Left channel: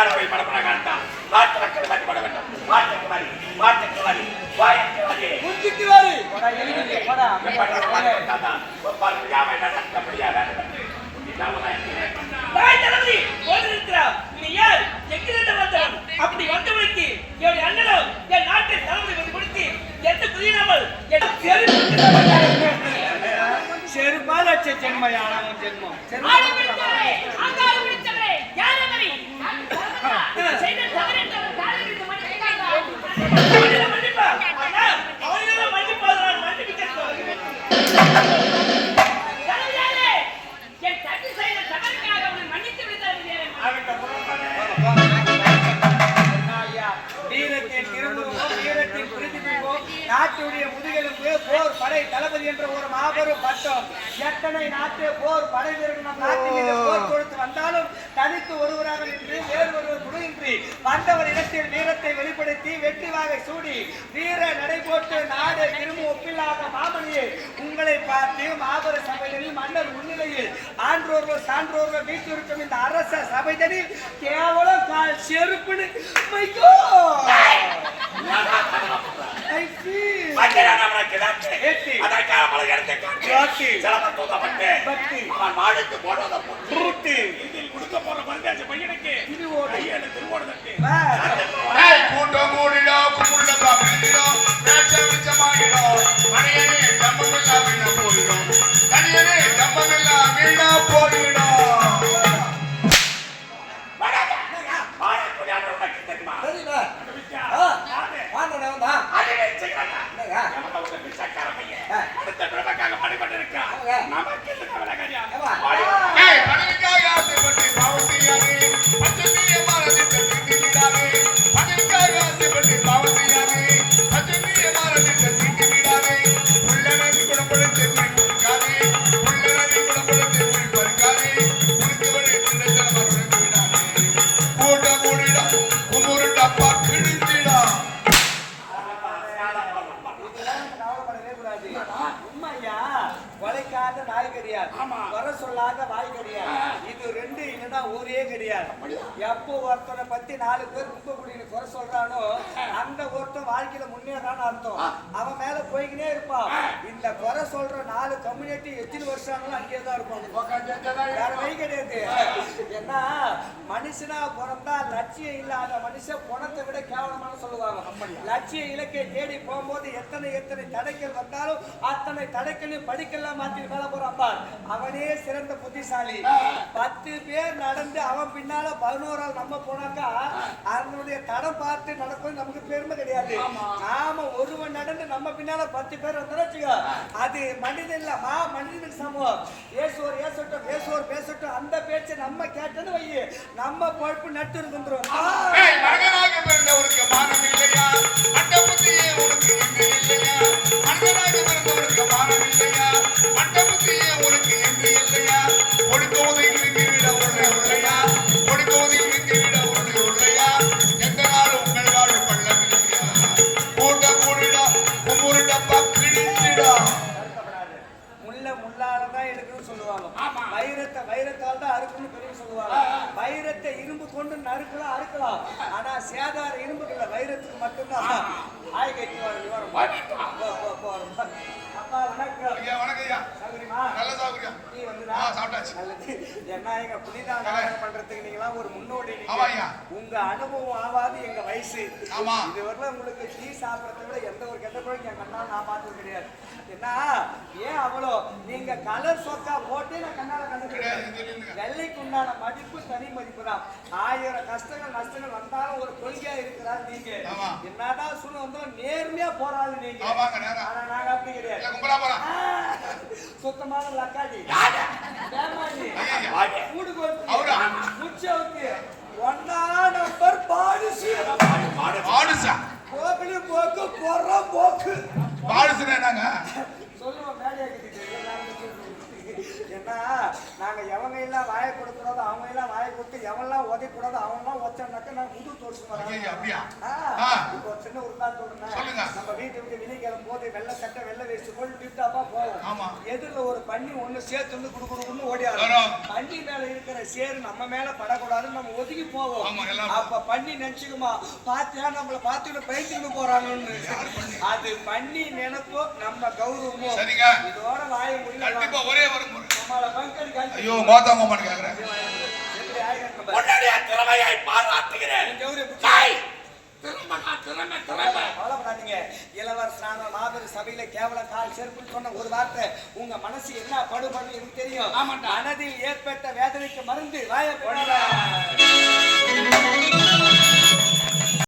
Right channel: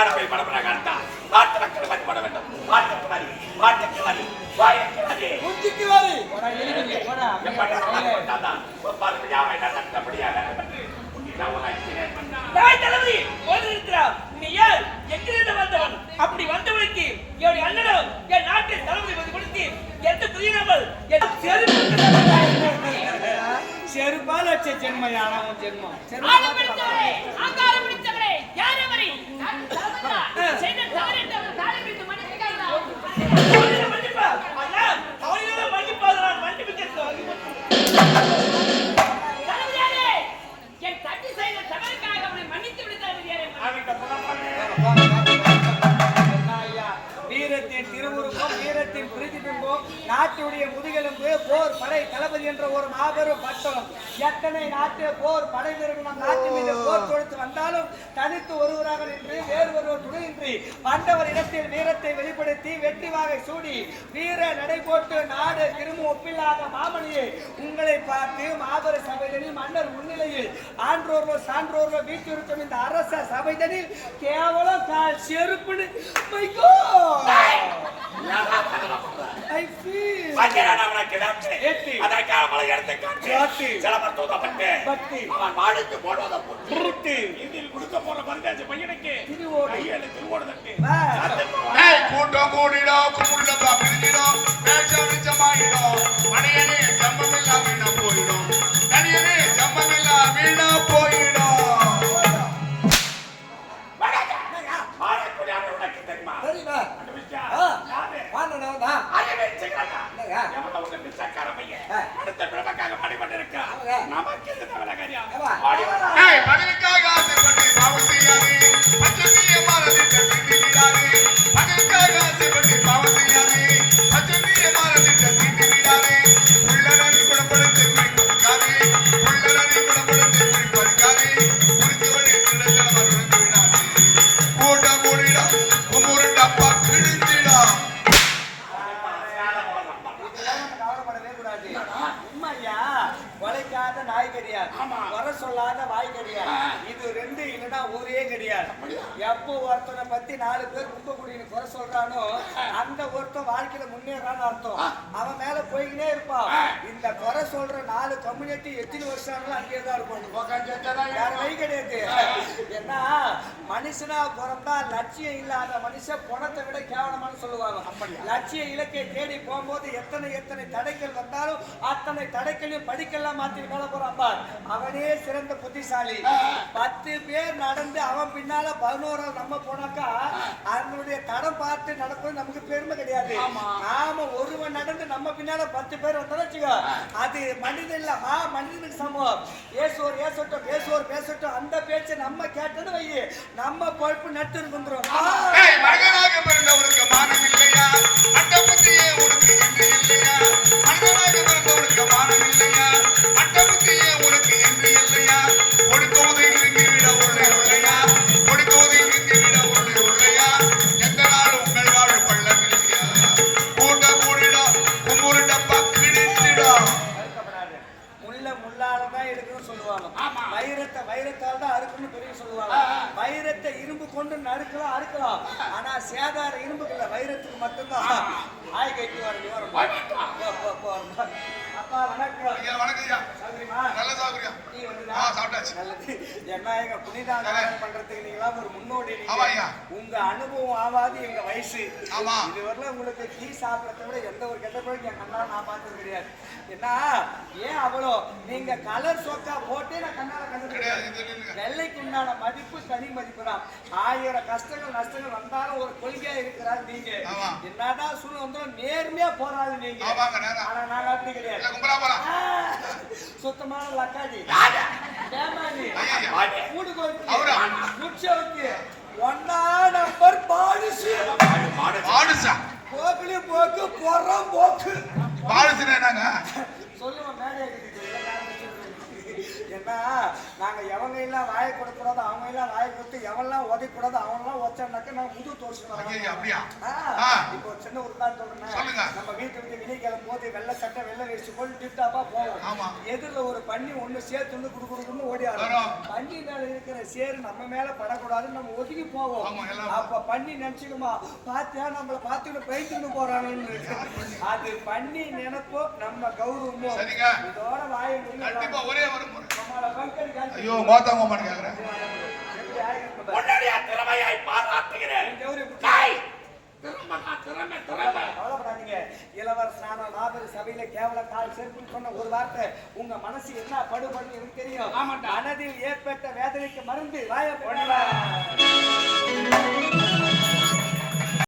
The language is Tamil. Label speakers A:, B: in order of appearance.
A: கல்யாண போய் படப்பட காட்டான் நாட்டு மக்கள் வழிபட வேண்டும். மாட்டுக்கு வரி. மாட்டுக்கு வரி. வாய்க்கு வரி.
B: குஞ்சுக்கு வரி. போடா போடா.
C: தாய் தளபதி போதிருக்கிறார். நீ யார் எங்கிருந்து வந்தவன்? அப்படி வந்தவனுக்கு என் அண்ணனோ என் நாட்டை தளபதி பதி கொடுத்து எந்த குதியாமல் என்
B: செருப்பால் வச்ச ஜென்மம். யாராவும் ஜென்மம்
D: என் தம்பி செய்த தவறுக்காக அவனை மன்னித்து.
B: வீரத்தின் நாட்டுடைய முதுகெலும்பு போர் படை தளபதி என்ற ஒரு மாபெரும் பட்டம். எத்தனை நாட்டு போர் படை வீரர்கள் நம் நாட்டின் மீது போர் கொடுத்து வந்தாலும் தனித்து ஒருவராக நின்று வேறு ஒருவர் துணையின்றி வந்தவர் இடத்தில் வீரத்தை வெளிப்படுத்தி வெற்றி வாகை சூடி வீர நடை போட்டு நாடு திரும்ப ஒப்பில்லாத மாமணியை உங்களை பார்த்து மாபெரு சபைகளில் மன்னர் முன்னிலையில் ஆன்றோர்கள் சான்றோர்கள் வீட்டிருக்கும் இந்த அரச சபைதனில் கேவலம் செருப்புன்னு
A: மாடுக்கு போடாத இதில் கொடுக்க போற மருந்தாச்சு பையனுக்கு
B: திருவோடு.
A: திருவோடு
E: கூட்டம்
A: கூடினா உன்னை பிச்சைக்கார பையன்? அடுத்த பிறவைக்காக பாடுபட்டு இருக்கா?
B: ஆமாங்க.
A: நமக்கு எதுக்கு அவளை
B: நாய் கிடையாது. குறை சொல்லாத வாய் கிடையாது. இது ரெண்டு இல்லைன்னா ஊரே கிடையாது. எப்போ ஒருத்தனை பத்தி நாலு பேர் கும்பகுடின்னு குறை சொல்றானோ அந்த ஒருத்தன் வாழ்க்கையில முன்னேறான்னு அர்த்தம். அவன் மேல போய்கினே இருப்பான். குறை சொல்ற நாலு கம்யூனிட்டி எத்தனை வருஷம் ஆனாலும் அங்கேயே தான் வேற வழி கிடையாது. ஏன்னா மனுஷனா பிறந்தா லட்சியம் இல்லாத மனுஷன் பணத்தை விட கேவலமான சொல்லுவாங்க. லட்சிய இலக்கை தேடி போகும்போது எத்தனை எத்தனை தடைகள் வந்தாலும் அத்தனை தடைகளையும் படிக்கெல்லாம் மாத்தி மேல போறான் பார். அவனே சிறந்த புத்திசாலி. பத்து பேர் நடந்து அவன் பின்னால பதினோராள் நம்ம போனாக்கா அதனுடைய தடம் பார்த்து நடப்பது நமக்கு பெருமை கிடையாது. நாம ஒருவன் நடந்து நம்ம பின்னால பத்து பேர் வந்தாலும் வச்சுக்கோ. அது மனிதன் இல்ல மா மனிதன் சமூகம். ஏசுவோர் ஏசட்டும் பேசுவோர் பேசட்டும் அந்த பேச்சை நம்ம கேட்டது வை. நம்ம பொழப்பு நட்டு இருந்துரும்
E: மகனாக பிறந்தவருக்கு மானம் இல்லையா அட்டை
B: வைரத்தை இரும்பு கொண்டு நறுக்கலாம் அறுக்கலாம். ஆனா சேதார இரும்புக்கு இல்ல வைரத்துக்கு மட்டும்தான். ஆய் கட்டி வர. அப்பா வணக்கம்
E: ஐயா வணக்கம் ஐயா
B: சௌகரியமா?
E: நல்ல சாகுரியா
B: டீ வந்துதா?
E: ஆ, சாப்பிட்டாச்சு.
B: நல்லது. என்ன எங்க புனிதானம் பண்றதுக்கு நீங்களாம் ஒரு முன்னோடி நீங்க.
E: ஆமா ஐயா.
B: உங்க அனுபவம் ஆவாது எங்க வயசு
E: ஆமா.
B: இதுவரையிலும் உங்களுக்கு டீ சாப்பிடறதை விட எந்த ஒரு கெட்ட என் கண்ணால நான் பார்த்தது கிடையாது என்ன ஏன் அவ்வளோ நீங்க கலர் சொக்கா போட்டு நான் கண்ணால கண்டு
E: கிடையாது.
B: வெள்ளைக்கு உண்டான மதிப்பு தனி மதிப்பு தான் ஆயிரம் கஷ்டங்கள் நஷ்டங்கள் வந்தாலும் ஒரு கொள்கையா இருக்கிறார் நீங்க. என்னதான் சூழ்நிலை வந்தாலும் நேர்மையா போராது நீங்க. ஆனா நாங்க அப்படி கிடையாது
E: கும்பலா போலாம்.
B: சுத்தமான லக்காடி ஏமாடி. கூடு கோயிலுக்கு
E: அவரா?
B: முச்சவுக்கு ஒன்னா நம்பர் பாலிசி. போக்கு பொறம் போக்கு.
E: பாலுசுனா என்னங்க?
B: சொல்லுவோம் மேலே என்ன நாங்க எவங்க எல்லாம் வாயை கொடுக்கூடாது அவங்க எல்லாம் வாயை கொடுத்து எவன்லாம் உதைக்கூடாது அவன்லாம் வச்சானாக்க நாங்க தோசை
E: ஐயையோ, அப்படியா?
B: இப்போ சின்ன ஒரு தான் சொல்றேன்
E: சொல்லுங்க.
B: நம்ம வீட்டை விட்டு வெளியே கிளம்பும் போது வெள்ளை சட்டை வெள்ளை வேஷ்டி போட்டு டிப்டாப்பா போவோம்.
E: ஆமா.
B: எதிரில் ஒரு பண்ணி ஒண்ணு சேர்த்து வந்து குடு குடுன்னு ஓடி
E: வரும்.
B: ஆடும் பண்ணி மேல இருக்கிற சேரு நம்ம மேல படக்கூடாதுன்னு நம்ம ஒதுங்கி போவோம். அப்ப பண்ணி நினைச்சுக்குமா பாத்தியா நம்மள பார்த்துட்டு பயந்துட்டு போறாங்கன்னு. அது பண்ணி நினைப்போ நம்ம கௌரவமோ.
E: சரிங்க.
B: இதோட வாய முடியும்
E: ஒரே ஐயோ கேக்குறேன்.
A: பாராட்டுகிறேன்.
B: கவலைப்படாதீங்க. இளவரசர் நாம மாபெரும் சபையில கேவலம் கால் செருப்புன்னு சொன்ன ஒரு வார்த்தை உங்க மனசு என்ன படுபடு எனக்கு தெரியும். மனதில் ஏற்பட்ட வேதனைக்கு மருந்து வாய போடலாம்